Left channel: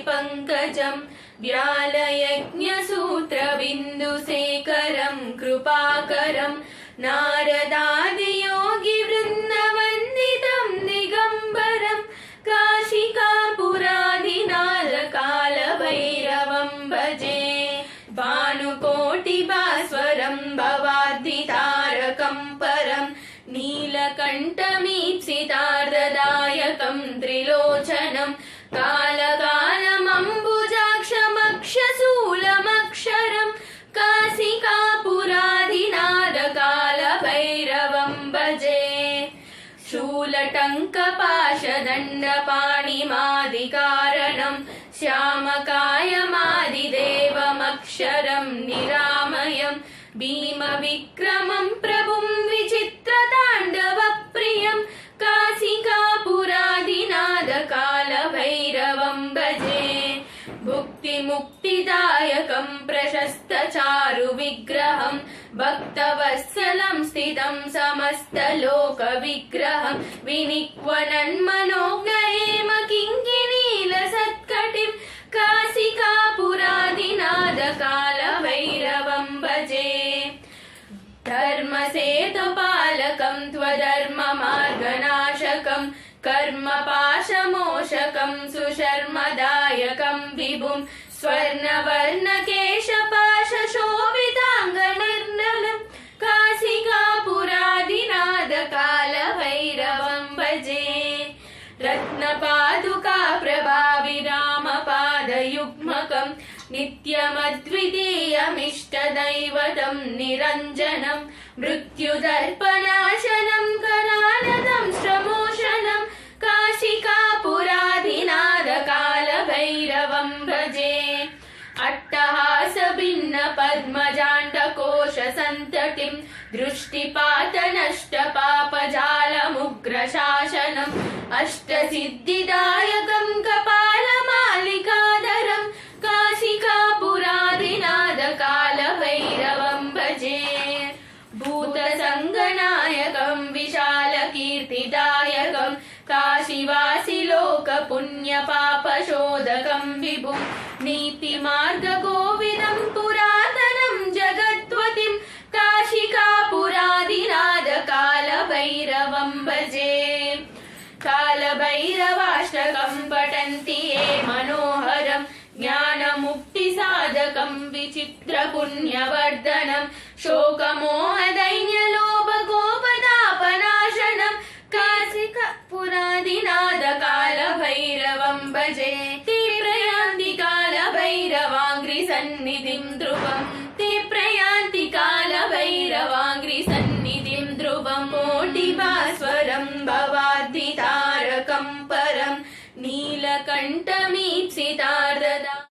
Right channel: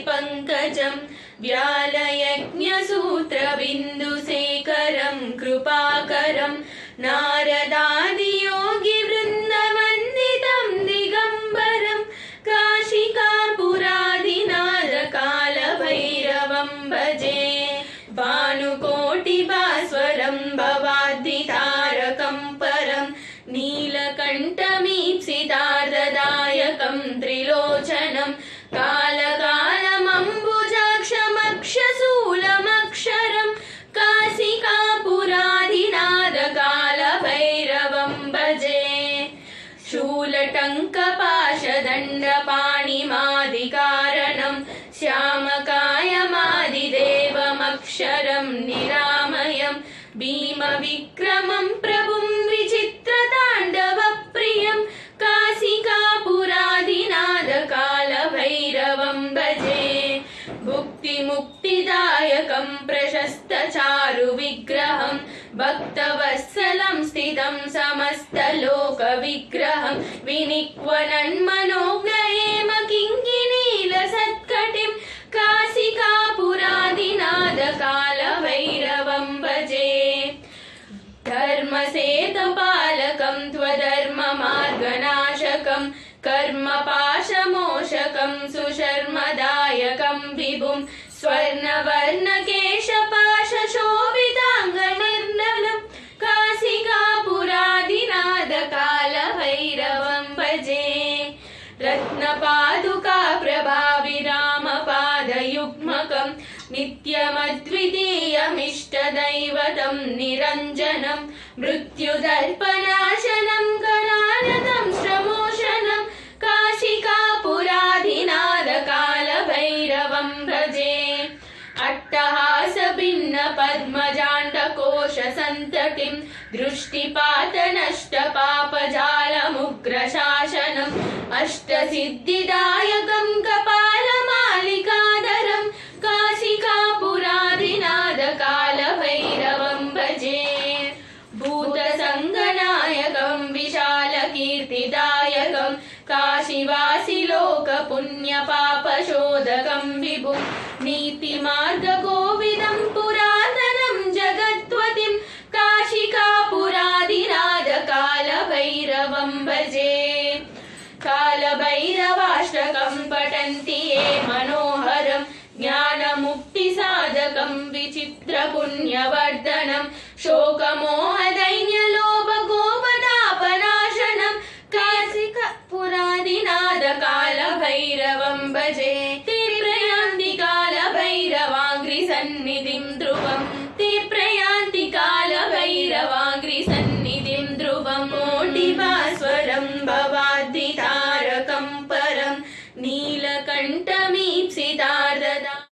पङ्कजम् व्यालयज्ञसूत्रबिन्दुशेखरं कृपाकरं नारदादियोगिवृन्दवन्दितं दिगम्बरं काशिकापुरादिनाथकालभैरवं भजे भानुकोटिभास्वरं भवाद्दितारकं परं नीलकण्ठमीप्सितार्धदायकं त्रिलोचनं कालकालमम्बुजाक्षमक्षशूलमक्षरं शूलटङ्कपाशदण्डपाणिमादिकारणं श्यामकायमादिदेवमक्षरं निरामयं भीमविक्रमं प्रभुं विचित्रताण्डवप्रियं काशिकापुरादिनादकालभैरवं भजे भुक्तिमुक्तिदायकं प्रशस्तचारुविग्रहं भक्तवत्सलं स्थितं समस्तलोकविग्रहं विनिक्वनन्मनोज्ञयेम किङ्किनीलसत्कटिं काशिकापुरादिनादकालभैरवं भजे धर्मसेतुपालकं त्वधर्ममार्गनाशकं कर्मपाशमोषकं सुशर्मदायकं विभुं स्वर्णवर्णकेशपाशशोभिताङ्गनिर्मलं रत्नपादुका प्रभाविरामपादयुग्मकं नित्यमद्वितीयमिष्टदैवतं निरञ्जनं मृत्युदर्पनाशनं करानदं श्रमोषणं काशिकापुरादिनादकालभैरवं भजे अट्टहासभिन्नपद्मजाण्डकोशसन्ततिं दृष्टिपातनष्टपापजालमुग्रशासनम् अष्टसिद्धिदायकं कपालमालिकाधरं काशिकापुरादिनादकालभैरवं भजे भूतसङ्गनायकं विशालकीर्तिदायकं काशिवासिलोकपुण्यपापशोधकं विभुं नीतिमार्गकोविदं पुरातनं जगद्वतिं काशिकापुरादिनादकालभैरवं भजे कालभैरवाष्टकं पठन्ति ये मनोहरं ज्ञानमुक्तिसाधकं विचित्रपुण्यवर्धनं शोकमोहदैन्यलोभगोपदापनाशनं काशिकपुरादिनादकालभैरवं भजे కంఠమీప్సితార్దద